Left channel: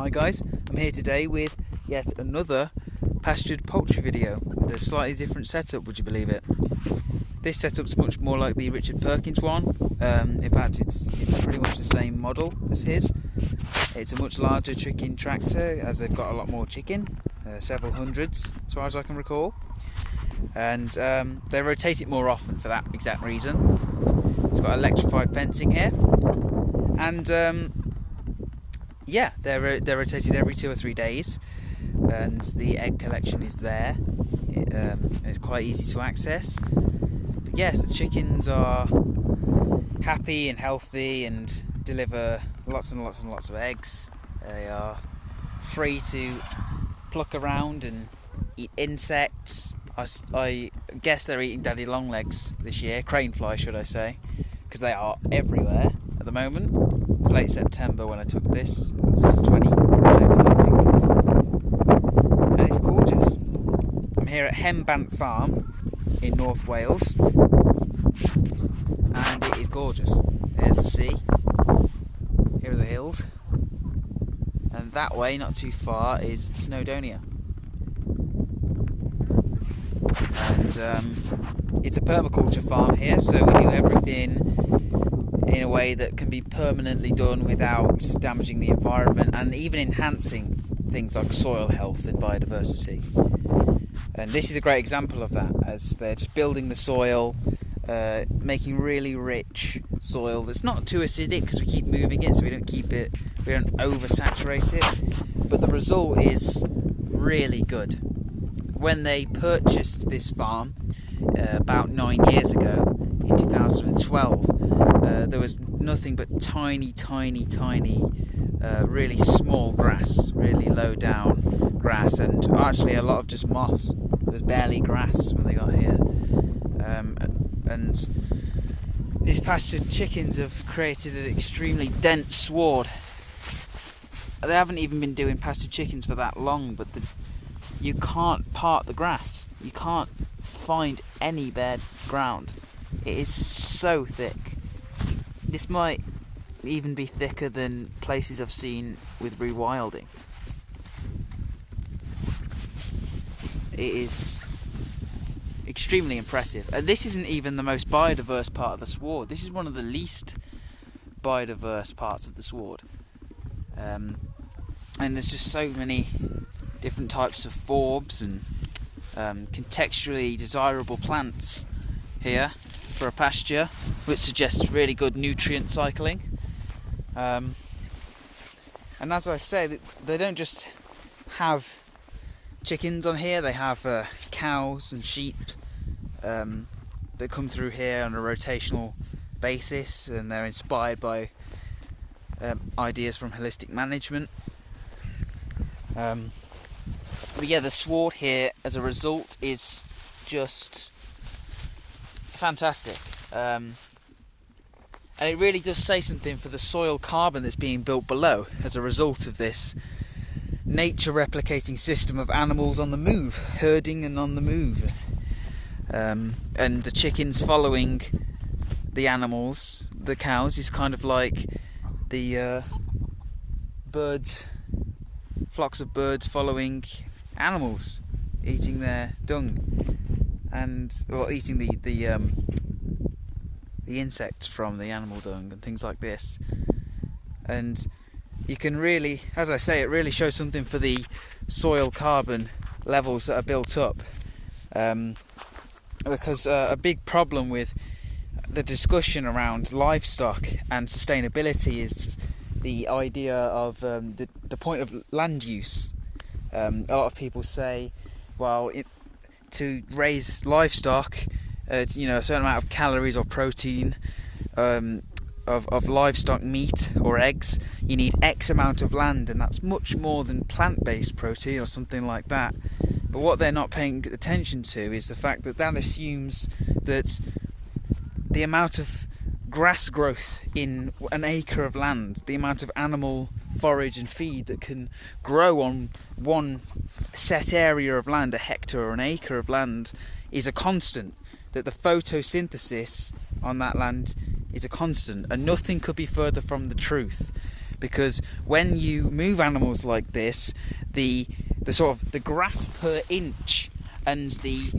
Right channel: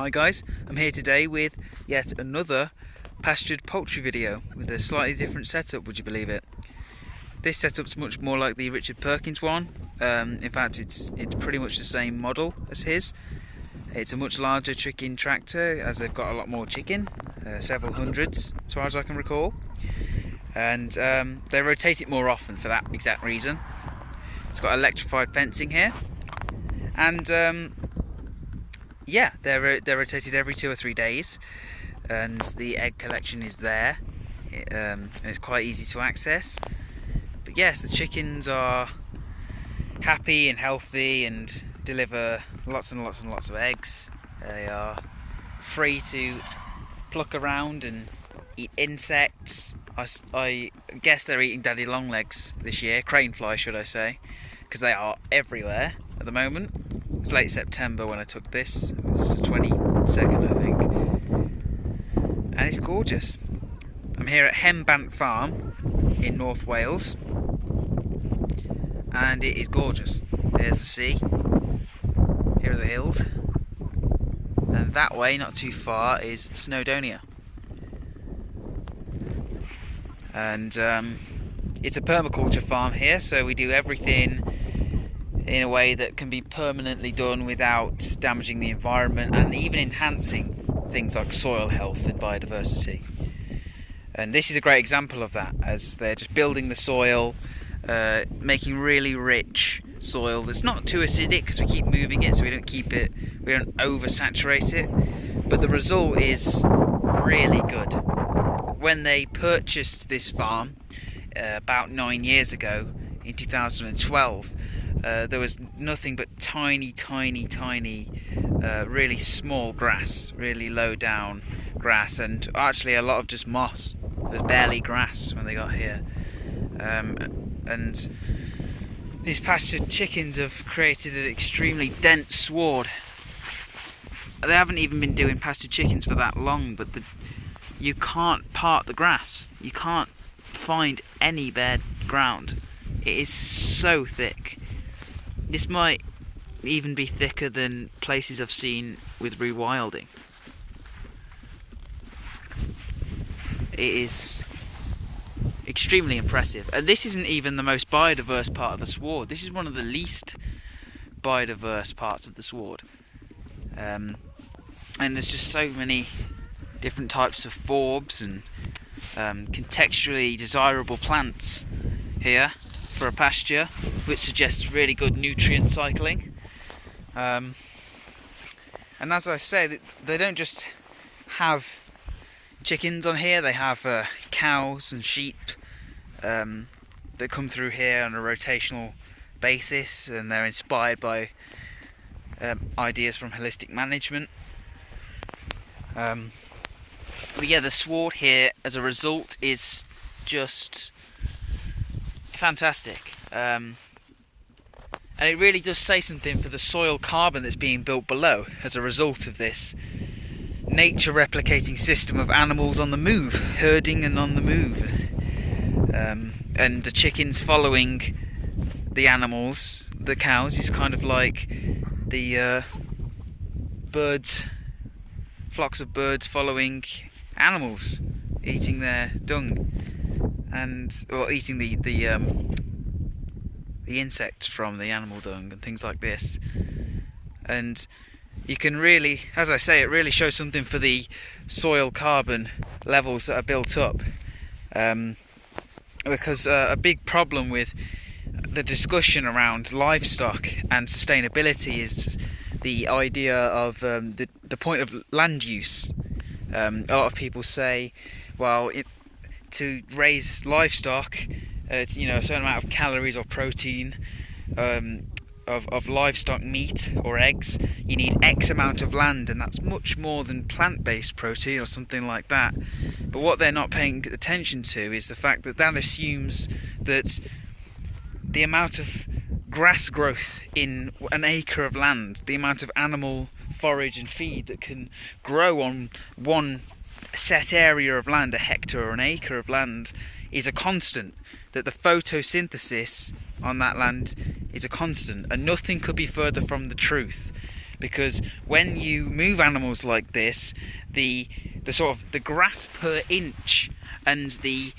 Hi guys, I'm here today with yet another pastured poultry video with a slightly different setup, would you believe it? This setup's much more like the Richard Perkins one. In fact it's pretty much the same model as his. It's a much larger chicken tractor as they've got a lot more chicken, several hundreds as far as I can recall. And they rotate it more often for that exact reason. It's got electrified fencing here, and yeah, they're rotated every 2 or 3 days, and the egg collection is there, and it's quite easy to access. But yes, the chickens are happy and healthy and deliver lots and lots and lots of eggs. They are free to pluck around and eat insects. I guess they're eating daddy longlegs this year, crane fly should I say, because they are everywhere at the moment. It's late September when I took this. It was the 22nd I think. And it's gorgeous. I'm here at Henbant farm in North Wales, and it is gorgeous. There's the sea, here are the hills, and that way, not too far, is Snowdonia. And it's a permaculture farm here, so we do everything in a way that can be permanently done without damaging the environment and even enhancing things like soil health and biodiversity. And this is a great example of that, as they're just building the soil, making really rich soil that's not too acidic because we keep moving it, so we don't oversaturate it, but the result is really good. When they purchased this farm about 9 years ago, in 2012, there was nothing but tiny, really small grass, really low down grass, and actually a lot of just moss. There was barely grass when they got here. And these pastured chickens have created an extremely dense sward. They haven't even been doing pastured chickens for that long, but you can't part the grass. You can't find any bare ground. It is so thick. This might even be thicker than places I've seen with rewilding. It is extremely impressive. And this isn't even the most biodiverse part of the sward. This is one of the least biodiverse parts of the sward. And there's just so many different types of forbs and contextually desirable plants here for a pasture, which suggests really good nutrient cycling. And as I say, they don't just have chickens on here, they have cows and sheep that come through here on a rotational basis, and they're inspired by ideas from holistic management. But yeah, the sward here as a result is just fantastic, and it really does say something for the soil carbon that's being built below as a result of this nature replicating system of animals on the move, herding and on the move, and the chickens following the animals. The cows is kind of like the birds, flocks of birds following animals, eating their dung, or eating the insects from the animal dung and things like this. And you can really, as I say, it really shows something for the soil carbon levels that are built up, because a big problem with the discussion around livestock and sustainability is the idea of the point of land use. A lot of people say, well, to raise livestock, a certain amount of calories or protein of livestock meat or eggs, you need X amount of land, and that's much more than plant-based protein or something like that. But what they're not paying attention to is the fact that assumes that the amount of grass growth in an acre of land, the amount of animal forage and feed that can grow on one set area of land, a hectare or an acre of land, is a constant, that the photosynthesis on that land is a constant, and nothing could be further from the truth. because when you move animals like this, the grass per inch and the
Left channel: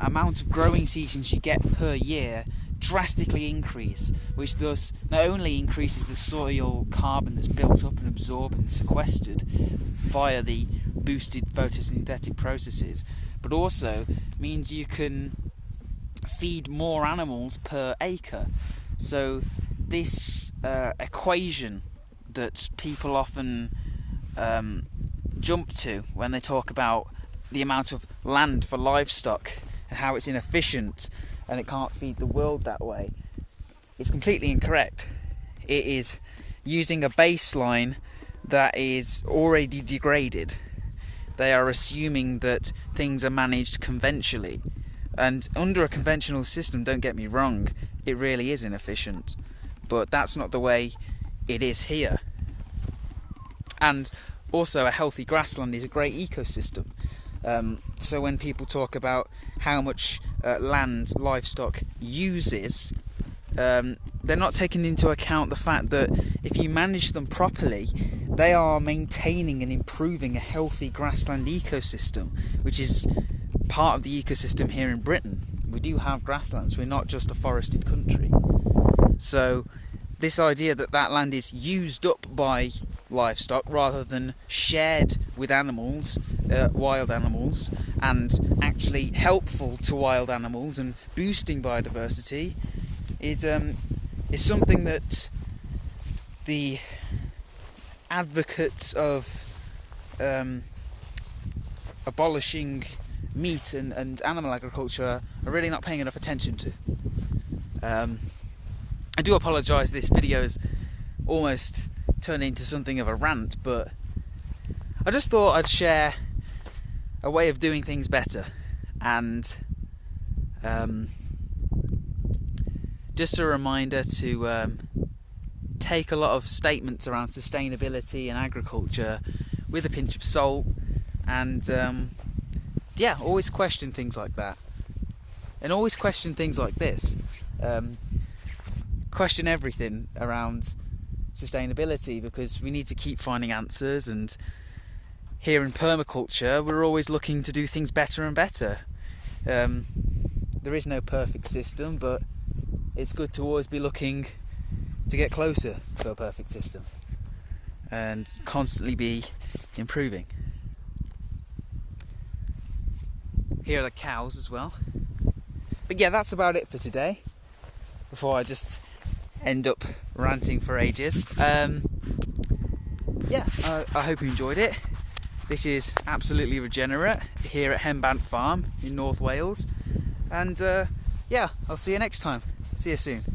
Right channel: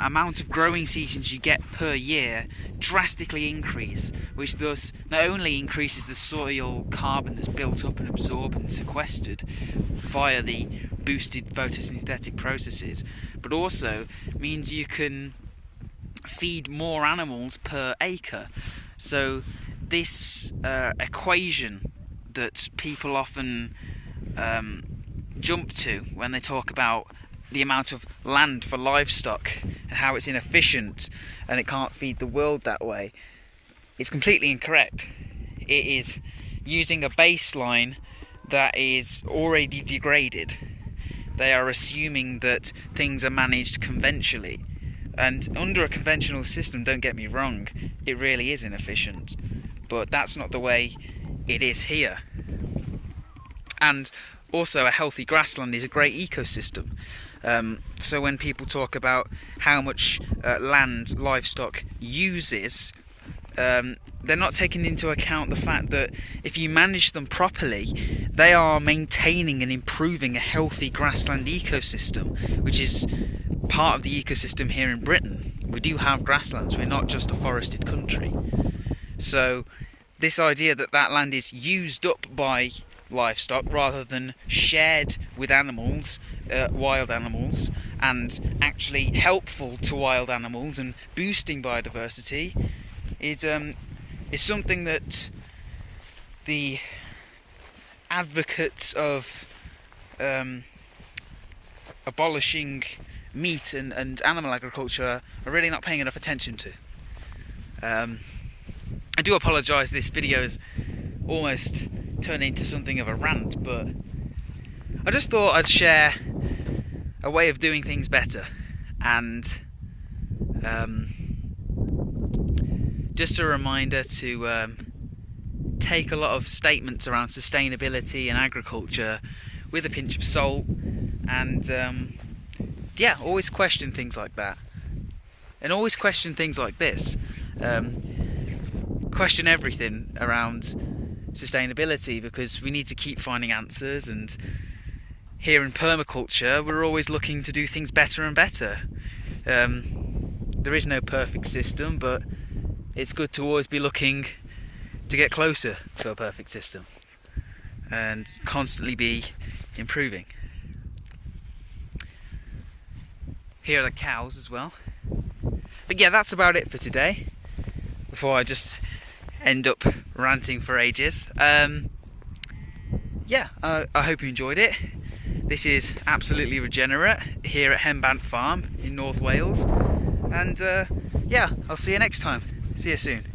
amount of growing seasons you get per year drastically increase, which thus not only increases the soil carbon that's built up and absorbed and sequestered via the boosted photosynthetic processes, but also means you can feed more animals per acre. So this equation that people often jump to when they talk about the amount of land for livestock and how it's inefficient and it can't feed the world that way, it's completely incorrect. It is using a baseline that is already degraded. They are assuming that things are managed conventionally, and under a conventional system, don't get me wrong, it really is inefficient, but that's not the way it is here. And also, a healthy grassland is a great ecosystem. So when people talk about how much land livestock uses, they're not taking into account the fact that if you manage them properly, they are maintaining and improving a healthy grassland ecosystem, which is part of the ecosystem here in Britain. We do have grasslands, we're not just a forested country. So this idea that that land is used up by livestock rather than shared with animals, wild animals, and actually helpful to wild animals and boosting biodiversity is something that the advocates of abolishing meat and animal agriculture are really not paying enough attention to. I do apologise, this video has almost turned into something of a rant, but I just thought I'd share a way of doing things better, and just a reminder to take a lot of statements around sustainability and agriculture with a pinch of salt, and yeah, always question things like that, and always question things like this. Question everything around sustainability, because we need to keep finding answers, and here in permaculture we're always looking to do things better and better. There is no perfect system, but it's good to always be looking to get closer to a perfect system and constantly be improving. Here are the cows as well. But yeah, that's about it for today, before I just end up ranting for ages. Yeah, I hope you enjoyed it. This is absolutely regenerate here at Henbant Farm in North Wales, and yeah, I'll see you next time. See you soon.